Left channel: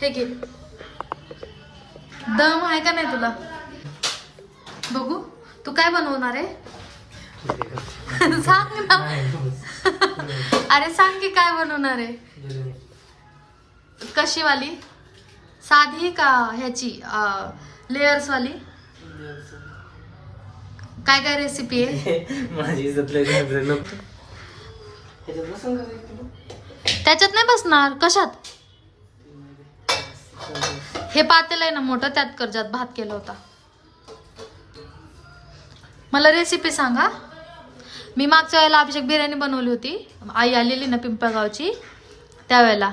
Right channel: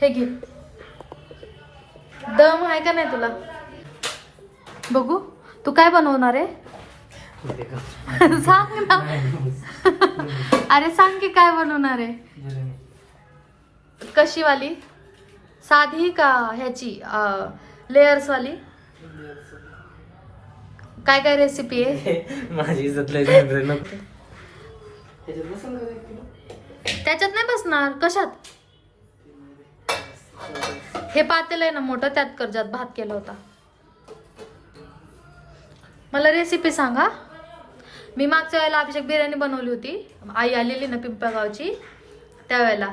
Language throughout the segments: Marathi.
हे घे. दम आहे का नाही तुला? बघू तू काय बनवणार आहे? सांग ना. अरे सांग की काय बनवणार आहे? कशी वाली साधी का ह्याची लेयर्स वाली? काय काय रेसिपी आहे? माझी त्याच्यात नाही बसणार. कशात? हे पातेल आहे ना मोठं त्यात कर ज्यात भात केला होता. मला रेसिपी सांगा. मी मागच्या वेळेला अभिषेक बिर्याणी बनवली होती. आई आलेली ना पिंपळगावची त्यावेळेला.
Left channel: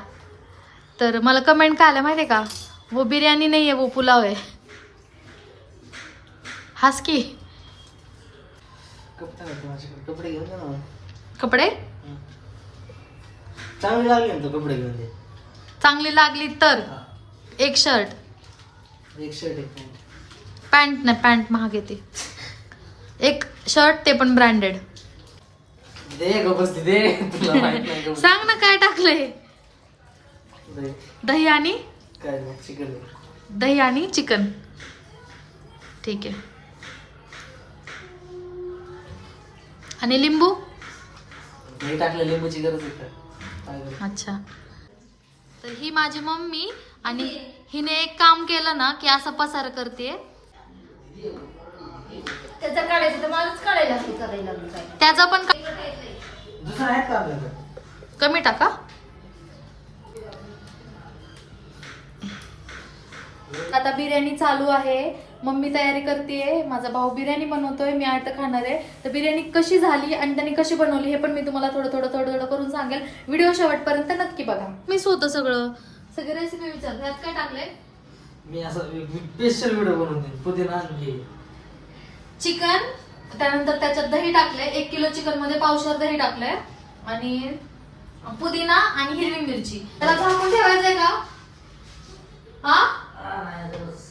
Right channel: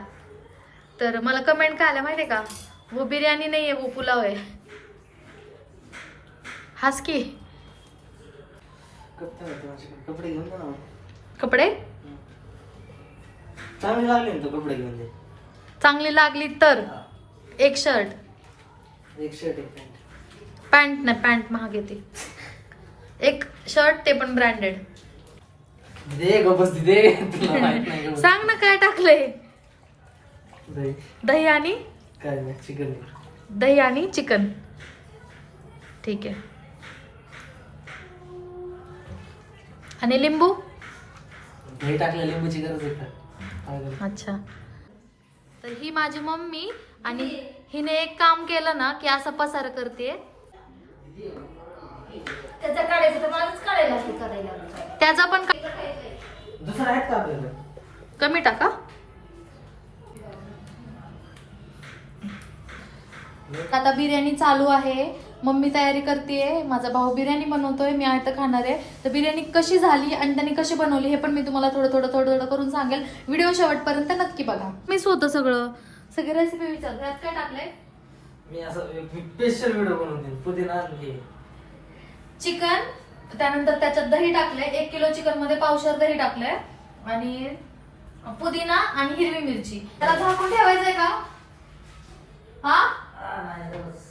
तर मला कमेंट काय आलं माहिती आहे का? वो बिर्याणी नाही आहे वो पुलाव आहे. हास की. कपडे कपडे घेऊन चांगली लागली तर. एक शर्ट. एक शर्ट एक पॅन्ट. पॅन्ट नाही पॅन्ट महाग येते. एक शर्ट ते पण ब्रँडेड. सांग ना काय टाकलंय. दे. दही आणि? चिकन. दही आणि चिकन. ठीक आहे. आणि लिंबू? दही टाकलं लिंबूची गरज? अच्छा. तर ही माझी मम्मी आणि हिने एक काम केलं ना की असं पसार करते त्याचं काढायचं तर मलाच काढायला लागेल करायला लागेल काय? त्याचा पण का- दुसरं आहेत का आपल्याकडे? कमी टाका. आता बिर्याणी चालू आहे. मम्मी तयारी करते माझा भाऊ बिर्याणी बनवतोय. मी आहे तर खाणार आहे. तर बिर्याणी कशी झाली आणि त्यांनी कशी बनवली हे पण मी तुम्हाला थोडं थोडं थोडं थोडं करून सांगेल. व्हिडिओ शेवटपर्यंत नक्की बघा. मीच होतं सगळं. सगळी रेसिपी विचार यात काय टाकलंय? मी असं स्पेशल व्हिडिओ बनवते पुदिना आणि हे चिकन त्यानंतर त्याच्यात दही टाकलंय. एक किलो चिकनमध्ये पावशर दही टाकलंय. आणि पुदिना आणि हिरवी मिरची. त्याला झाकून ठेवायचंय का? हा? आ, नाही, आता बस.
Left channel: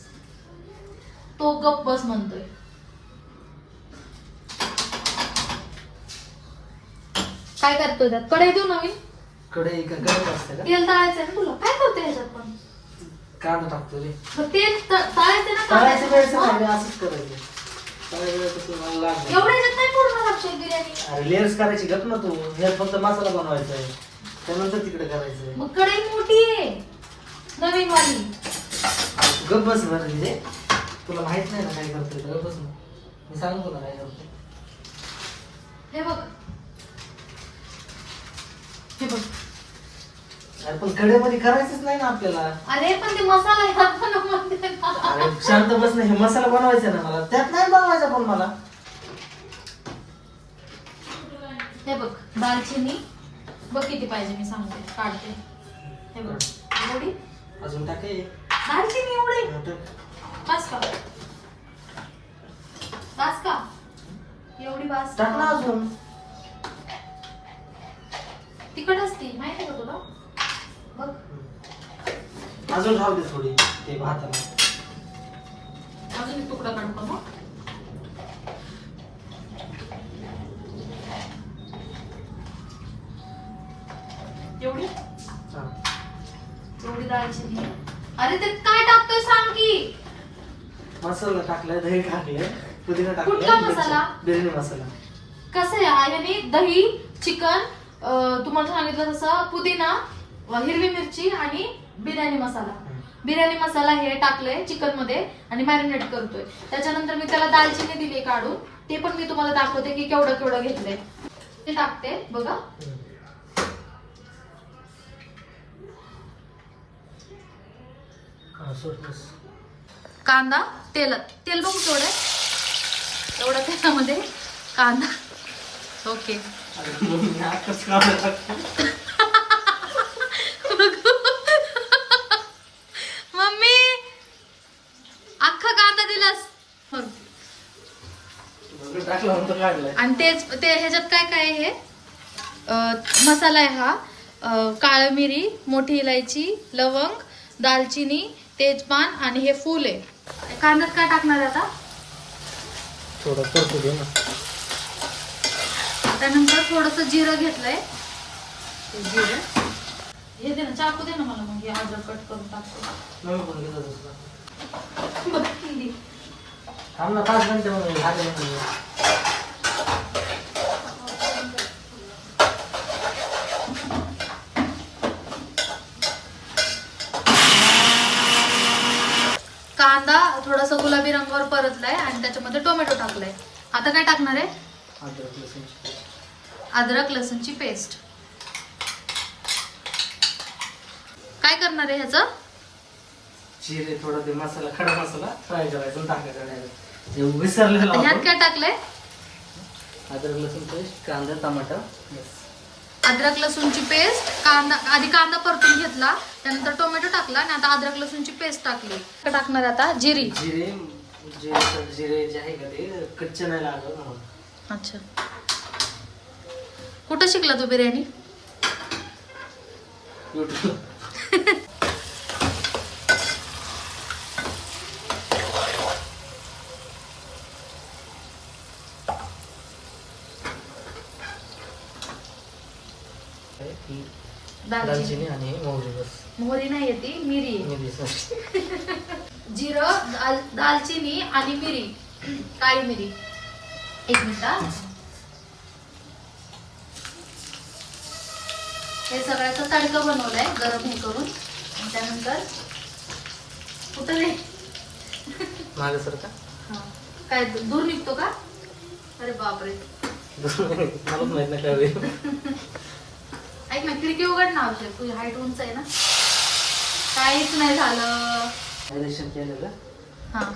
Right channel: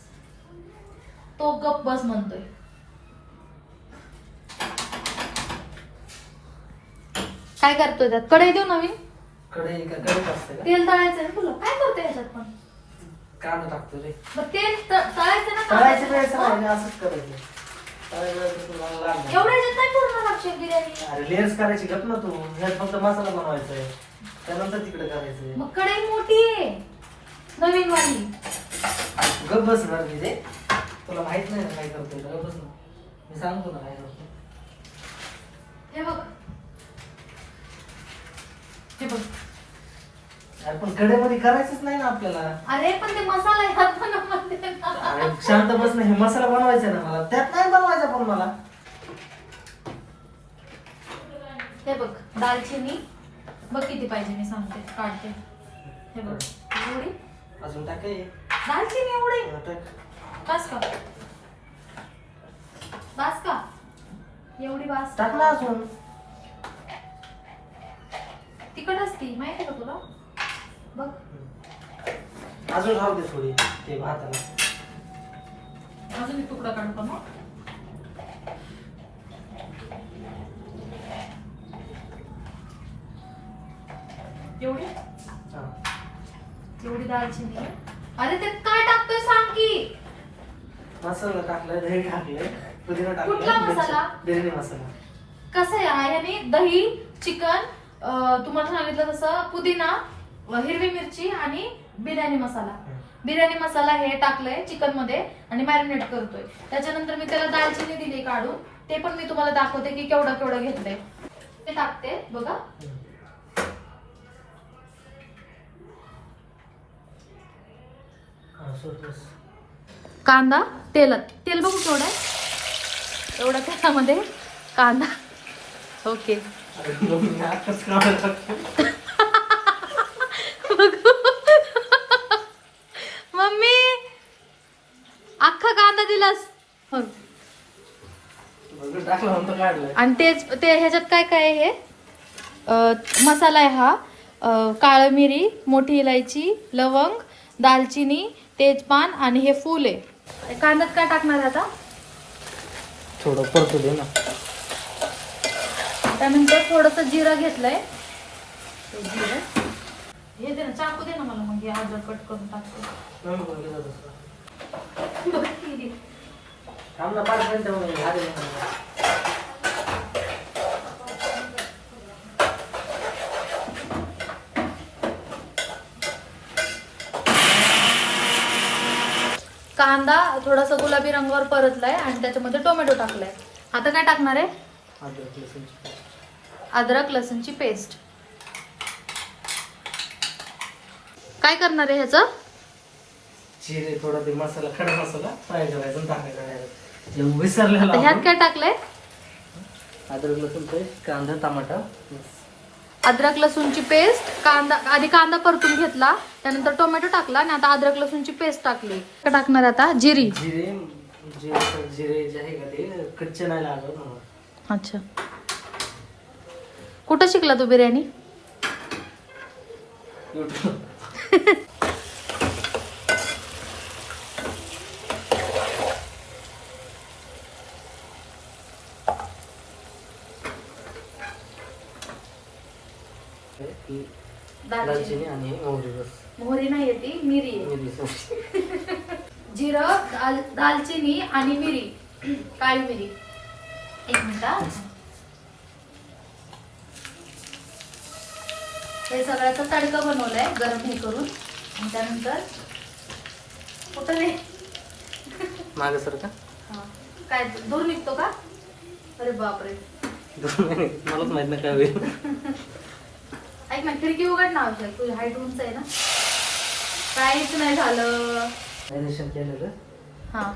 तो गप बस म्हणतोय. काय करतोय त्यात? कढई देऊ नवीन? कढई का कडक असतं का? तेल तळायचं ना तुला. काय पण कांदा टाकतो रे. मग तेल त- तळायचं ना तळायचं वेळेचं हा? नाही, असंच करायचं. तळायचं वेळेचं तुला लागणार. एवढ्या ह्याच्यात नाही पूर्ण अक्षय बिर्याणी. अरे लेअर्स करायची गप ना तू. ह्यात फक्त मसाला बनवायचा आहे त्यानंतर तिकडे करायचं मग कढई मोठी आहे. नवीन वाली. गप बस ना म्हणजे तुला माहीत नाही ना काय करतोय तर गप बस ना. मी सांगतो ना काय करतोय. हे बघ. हे बघ. अरे पण कडेमध्ये करायचंच नाही ना आपल्याला. अरे पण ते मसाला म्हणते ना. अरे शांत बस ना हे मसाला बनवायचा ना मला. त्यात नाही बनवायचा पण मला. हे बघ दालचिनी बघ किती पाहिजे मी सांगते काढते. हे बघ एवढी? अजून टाकाय. दालचिनी एवढी? बस का? बस का? एवढी बस टाक ना अजून. तिकट असती माहिती का तुला? बघ अजून राहू दे थोडी ते भाताला. अजून तुकडा काढतो मग? एवढी. एवढी दालचिनी. अरे ते काय टाकतोय सांग की? मसाला टाकलाय दही टाकले पुदिना टाकलाय कुठला मसाला? बिर्याणी मसाला. कसं आहे ह्याने दही चिकन तुम्हाला सांगितलं तसं पुदिना हिरवी मिरची आणि बिर्याणी मसाला. बिर्याणी मसाला हे टाकलंय चिकनमध्ये आणि मॅरिनेट करतोय. त्याच्यानंतर मी त्याला दालचिनी दिली काढून. ते पण मी तुम्हाला दाखवते की केवढं केवढं घेतलंय. ते टाकते बघा. कांदा तेलात. तेल बघू केवढं आहे? एवढ्या तेलामध्ये कांदा. ओके अरे मम्मी नाकच काढायला टाकतो. मम्मी अख्खा दिलास हो. आणि तेच ते ह्याच्यात काय काय आहे? हे मसाला आहे हा. काळं मिरी मोठी इलायची लवंग दालचिनी तेजपान आणि हे फूल आहे. कांद्यात काय टाकणार आहे आता? थोडं परतू दे ना. त्यानंतर थोडस जिरं घेतलंय. जिरं. हे दे ना चाकू दे ना मला मग हे अद्रक कट करून टाकतो मम्मी पण घेतात होतं. थांब ना पाच मिनिटं मग आले म्हणून. कांदा थोडासा गुलाबी रंगावर परतलाय आणि त्याच्यामध्ये टोमॅटो टाकलाय आता काय टाकणार आहे अद्रक लसूणची पेस्ट. अद्रक लसूणची पेस्ट काय करणार आहे ह्याचं जिरे थोडा ते मसाला खडा मसाला फ्राय करायचा आणि टाकायचा. ते विसरलेला ह्यात आपण. काय टाकलंय? अद्रक लसूण पेस्ट कांदा टमाटर. अद्रक लसूणची पेस्ट कांदा आधी कांदा परतून घेतला त्यानंतर टोमॅटो टाकला आणि आता अद्रक लसूणची पेस्ट टाकली. काय टाकणार आता? जिरी. जिरे जिरे जिरे जे आहे का ते कच्चे नाही लागत म्हणून. अच्छा. कुठं शिकला तू बिर्याणी? YouTube. ही दालचिनी. दालचिनी आणि मोहरी बस. मोहरी नाही येते मिरी. आहे मिरी सॉरी. जिरं दाल दालचिनी आणि मिरी. काळी मिरी. एक मिनिट हा. हे सगळ्याचा तडका बनवलाय गरम हे करून. आणि त्यानंतर कुठं रे? मागं सर का? हा. काय दूर निघतो का? अरे बापरे. माहीत नाही काय होईल. ऐक ना खिडकी उघड ना आवश्यक तुझी हाईट उंच आहे ना. काहीच नाही झालं. मॅरिनेशन केलेलं हा.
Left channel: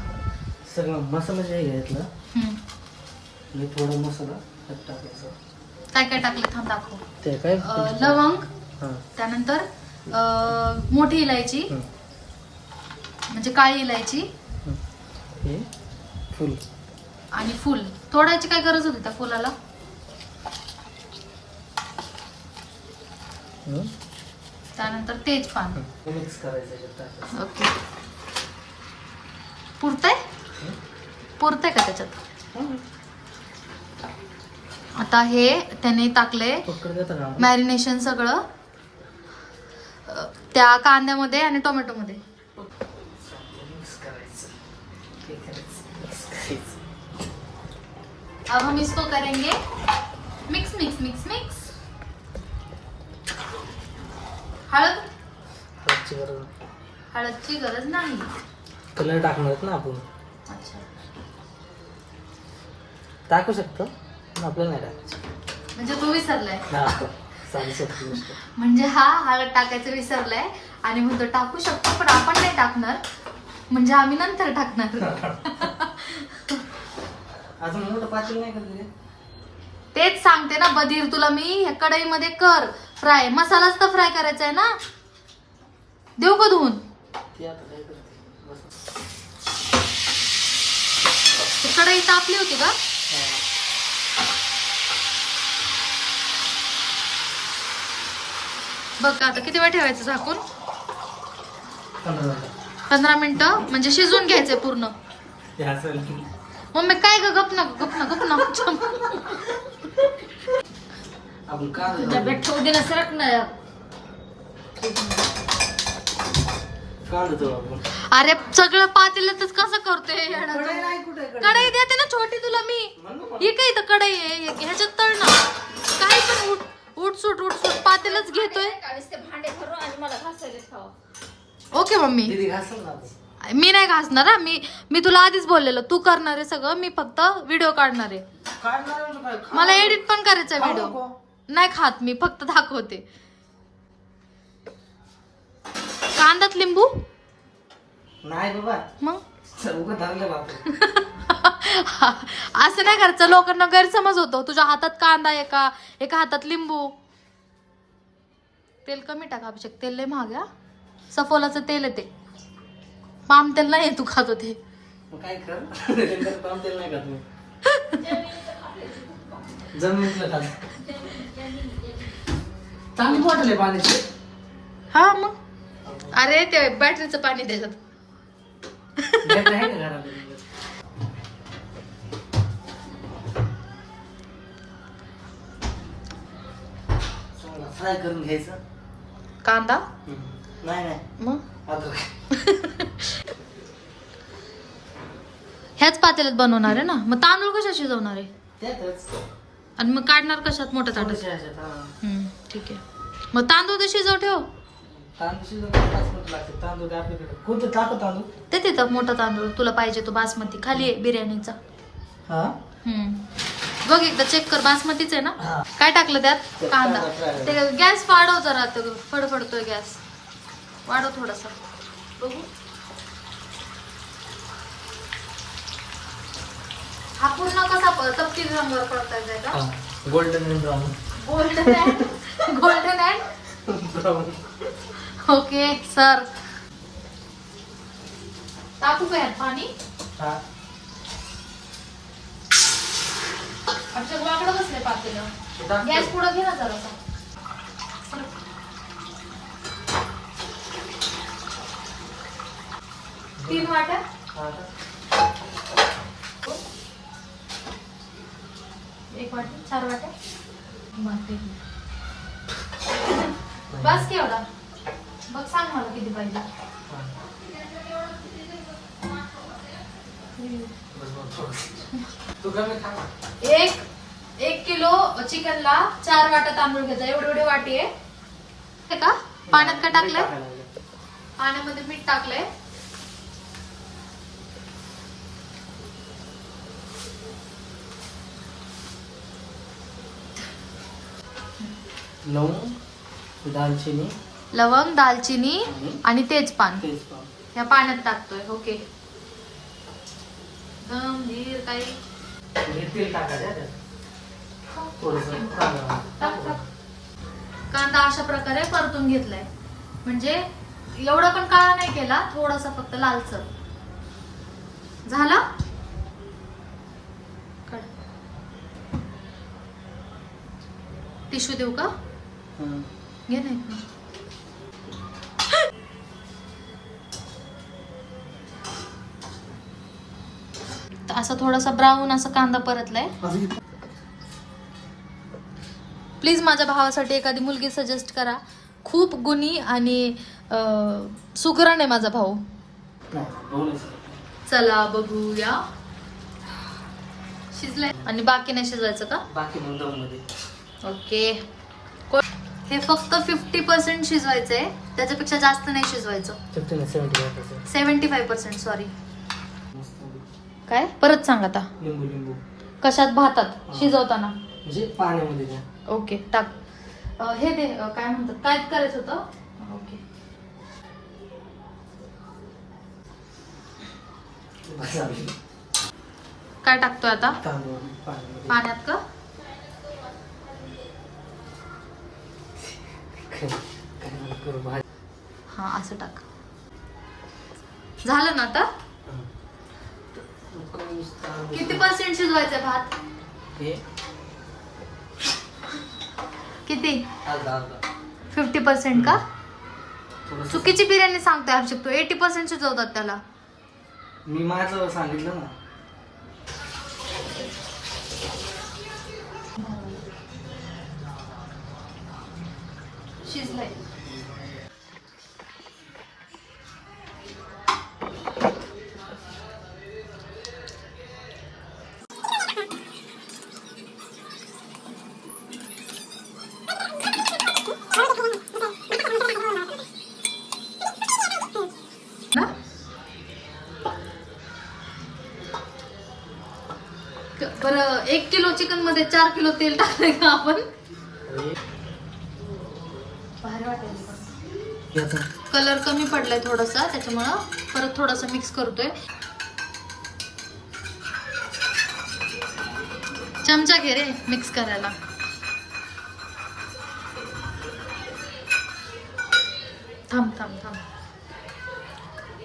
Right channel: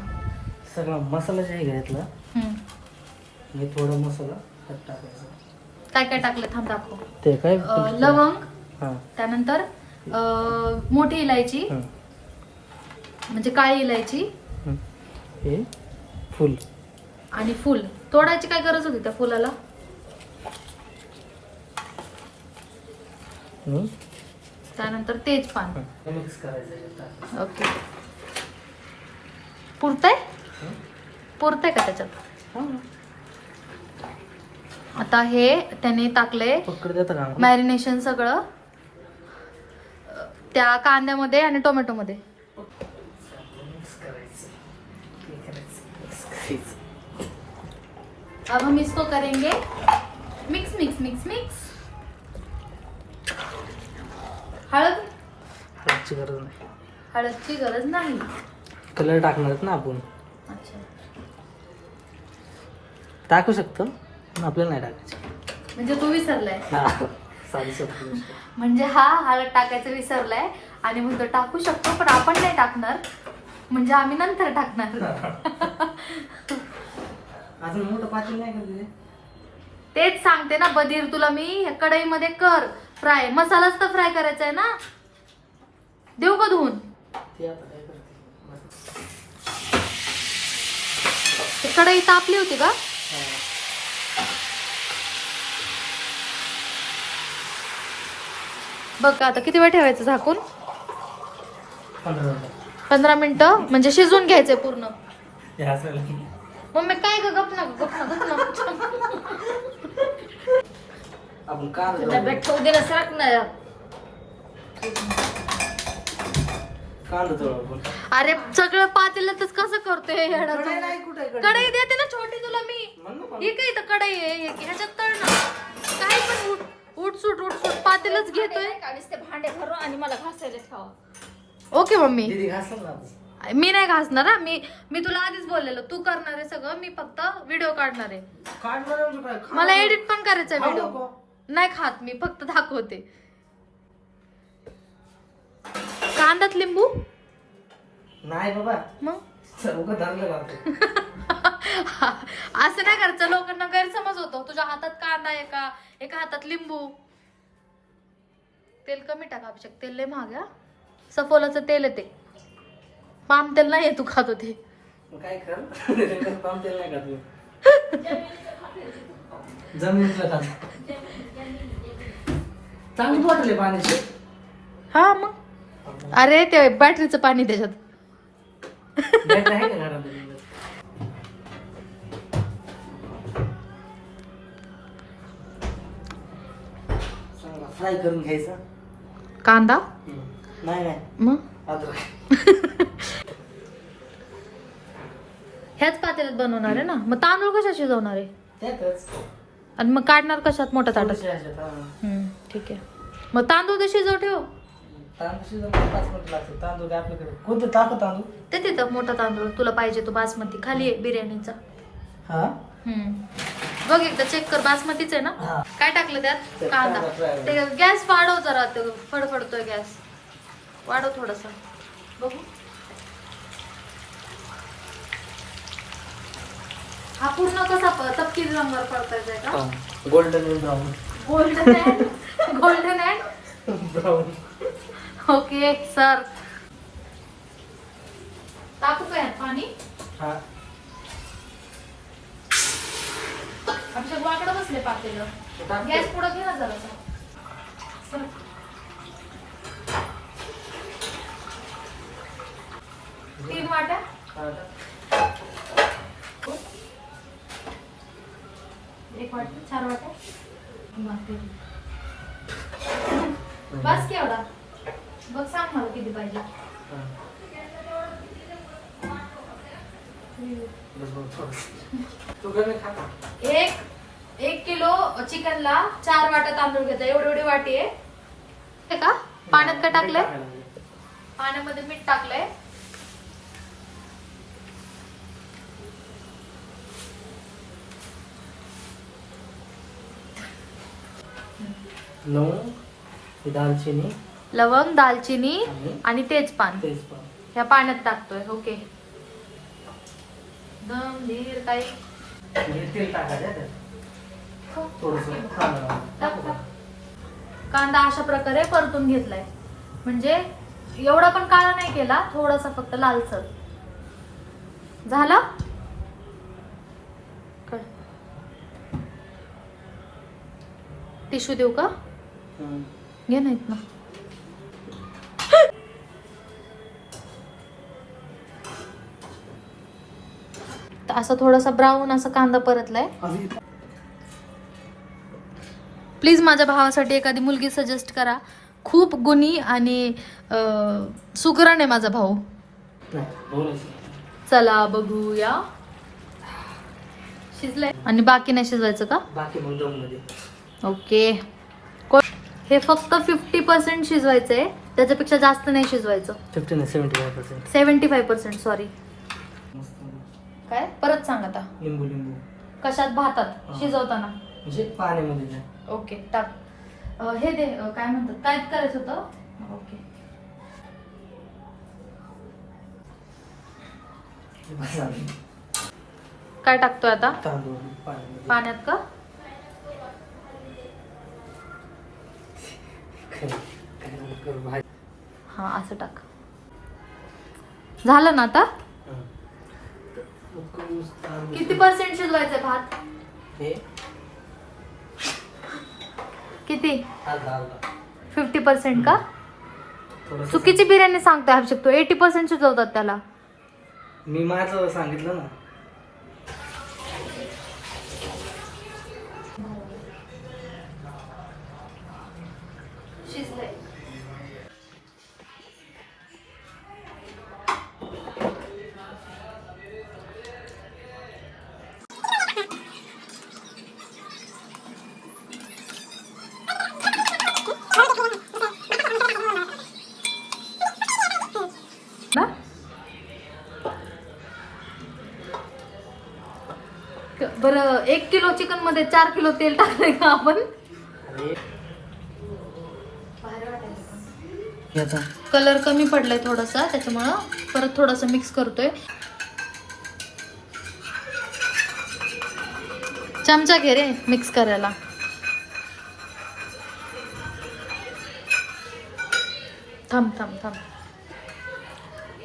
सगळं मसाला जे घेतला हम्म. हे थोडं मसाला त्यात टाकायचं. काय काय टाकलं थांब दाखव. ते काय? अं, लवंग हां. त्यानंतर अं, मोठी इलायची हं. म्हणजे काळी इलायची. हं. हे फुल. आणि फुल. तोडायची काय गरज होती त्या फुलाला? त्यानंतर तेजपान हं. हे मिक्स करायचं. ओके. पुरतंय. पुरतंय का त्याच्यात? हं. आता हे त्याने टाकले मॅरिनेशन सगळं त्या कांद्यामध्ये आणि टोमॅटोमध्ये. मिक्स करायचं करायचं मिक्स करायचं अब हम इसको करेंगे. मिक्स मिक्स मिक्स मिक्स हळद? याची गरज नाही. हळदची गरज नाही. कलर टाकणार आहेत ना आपण. अच्छा. टाकू शकतो. आपल्याला नाही टाकायचं. म्हणजे तू विसरलाय. हा साधी सोपी गोष्ट. म्हणजे हा हळद टाकायचं विसरलाय आणि म्हणतो टाकू शकतो पण आपण नाही टाकणार. म्हणजे आम्ही नंतर टाकणार. अजून मोठं पातेल नाही का तुझे? तेच सांगते ना बधीर तुला मी ह्या कढईमध्ये कर. फ्राय मसालाच तर फ्राय करायचा आहे ना? देऊ का धुवून? कढई तापली होती का. बघ आता किती वेळ ठेवायचं झाकून? पंधरा मिनिटं. म्हणजे शिजवून घ्यायचंय पूर्ण. मम्मी काय ग? गप ना गप ना गप ना. आपण का सरक ना आपण अरे सगळं पातेल्यातच कसं करतोय येडा तू? कढई नाही कुठे कढई? कढई देते ना छोटी तुला मी मला. ही काय इथं कढई आहे हे- ह्याच्यात तळ ना काय पण उठ उठसूट उठसूट पातेलच घेतोय भांडे भरून आणि मला घासायला खाऊ ओके मम्मी दीदी घासल ना आता. मी नाही घासणार हा मी मी तुला आधीच बोललेलं तू करणार आहे सगळं मी फक्त व्हिडिओ काढणार आहे काढणार आहे म्हणजे काय? खा मला नको. एडिट पण करायचा खाऊ व्हिडिओ नको. नाही खात मी फक्त दाखवते. कांदात लिंबू? नाही बाबा. मग? असं नाही करायचं लोकांना गैरसमज होतो. तुझ्या हातात कांदा एका एका हातात लिंबू. तेल कमी टाक अभिषेक. तेल लय महाग आहे, सफोलाचं तेल आहे ते. पाम तेल नाही आहे तू खात होते. मग काय नेमकं काम तेल नाही का जमिनीतलं खात चांगली बॉटल आहे पाण्याची. हा मग. अरे ते बॅटरीचं पाणी त्याच्यात. बॅटरी आहे का घरात? फ्राय करून घ्यायचं. कांदा? नाही नाही. मग? अद्रक ह्याच पातेल्यात बनवणार आहे ना? मग तांदूळ कशा शिजवणार आहे? त्यातच. आणि मग काढणार कशात? मोठ्या ताटात? थोडीशी ह्याच्यात, हा. हम्म, ठीक आहे. मग तांदूळ तर शिजव ठेव? तांदूळ शिजवत पाच मिनिटं लागते तांदूळ काय आपल्याकडे? कोणतं टाकू तांदूळ? ते तिथं मोठा तांदूळ. तुला पाहिजे तो बासमती. खाली आहे बिर्याणीचा. हा? हम्म. बघ एकदा चेक कर बासमतीच आहे ना? हा. काय टाकलं त्यात? ते कांदा. कांदा fry. ते गॅस वाढव जरा ते फडफडतोय गॅस. वाढव थोडस. बघू. हा पूर्ण कसा प- तपकिरी रंगावर परतायचा आहे का? Golden brown. Golden golden and okay sir टाकू का यात पाणी हा आमच्या वाकडं बसले पातेलं. गॅस पुढं घे ना जरासा. तीन वाट्या हा, एक वाटी चार वाट्या. बस केवढा बघ सांग मला किती पाहिजे. एक एक किलो चिकनला चार वाट्या तांदूळ घ्यायचा एवढी एवढी वाटी आहे. का? पाण्यात का टाकलंय. पाण्यामध्ये मीठ टाकलंय. लवंग दालचिनी. लवंग दालचिनी आणि तेजपान. तेजपान. ह्या पाण्यात टाकतोय ओके. दम धीर काही. हे? कांदा अशा प्रकारे परतून घेतलाय. म्हणजे एवढा पण काळा नाही केला थोडासा फक्त लालसर. झालं? टिश्यू देऊ का? नाहीत ना असं थोडासा ब्राऊन असा कांदा परतलाय. प्लीज माझ्या भावासाठी एखादी मुलगी सजेस्ट करा. खूप गुणी आणि सुकरण आहे माझा भाऊ. चला बघूया. शिजलाय. आणि बाकी नाही शिजवायचं का? बाकी ओके हे फक्त फिफ्टी पर्सेंट शिजवायचं आहे त्याच्यापेक्षा जास्त नाही शिजवायचं. फिफ्टी नाही seventy five percent seventy five percent sorry मस्त काय? परत सांग आता. लिंबू लिंबू. कशात? भातात. हा. शिजवताना. म्हणजे पाण्यामध्ये द्या. ओके टाक. अं, हे दे अं, काय म्हणतात? काय करायचं होतं. ओके. बस झालं. काय टाकतोय आता? तांदूळ पाण्यामध्ये. पाण्यात का काय काय म्हणतात, करू भाजी हा असं टाक. झालं ना आता? किती पर्सेंट शिजवायचंय भात? किती? फिफ्टी पर्सेंट का? चुकीची बिर्याणी सांगतोय अभिषेक तू. एटी पर्सेंट शिजवतात त्याला. मी माझं सांगितलं ना. बरं एक किलो चिकनमध्ये चार किलो तेल टाकलंय का आपण? पण. कलर कमी पडलाय थोडासा त्याच्यामुळं परत थोडासा मिक्स करतोय. चमचा घे रे मिक्स करायला. थांब थांब थांब.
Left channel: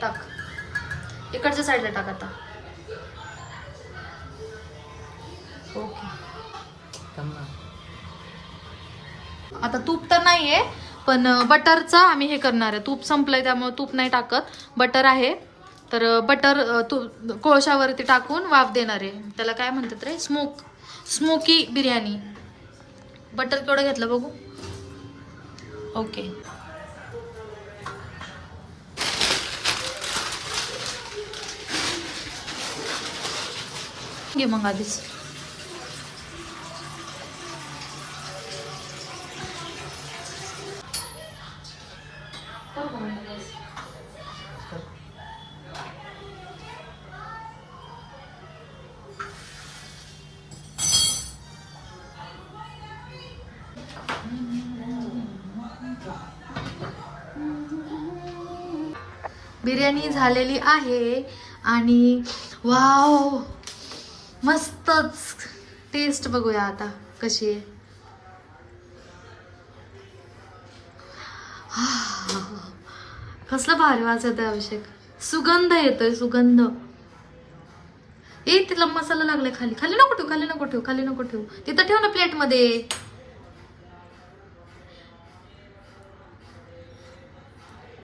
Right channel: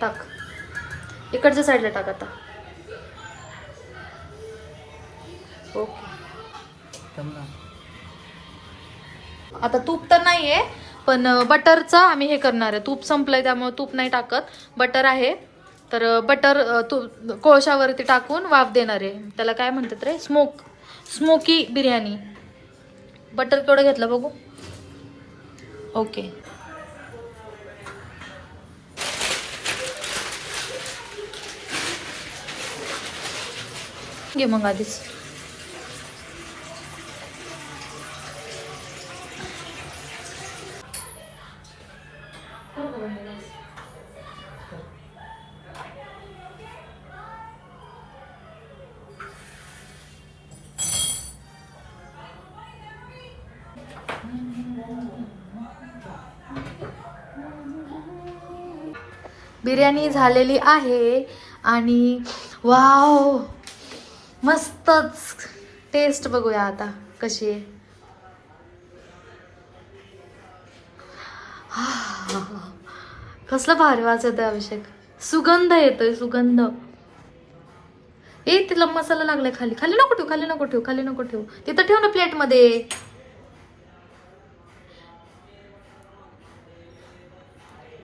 टाक. इकडच्या साईडला टाक आता. आता तूप तर नाही आहे पण बटरचं आम्ही हे करणार आहे. तूप संपलंय त्यामुळे तूप नाही टाकत. बटर आहे. तर बटर तू कोळशावरती टाकून वाफ देणार आहे. त्याला काय म्हणतात रे? स्मोक. स्मोकी बिर्याणी. बटर केवढं घेतलं बघू. ओके. घे मग आधीच. बिर्याणी झालेली आहे आणि वाव मस्तच. टेस्ट बघूया आता कशी आहे. हा. कसलं भारी वास येतोय अभिषेक. सुगंध येतोय सुगंध. ए तिला मसाला लागलाय खाली. खाली नको ठेव खाली नको ठेवू खाली नको ठेवू. तिथं ठेव ना प्लेटमध्ये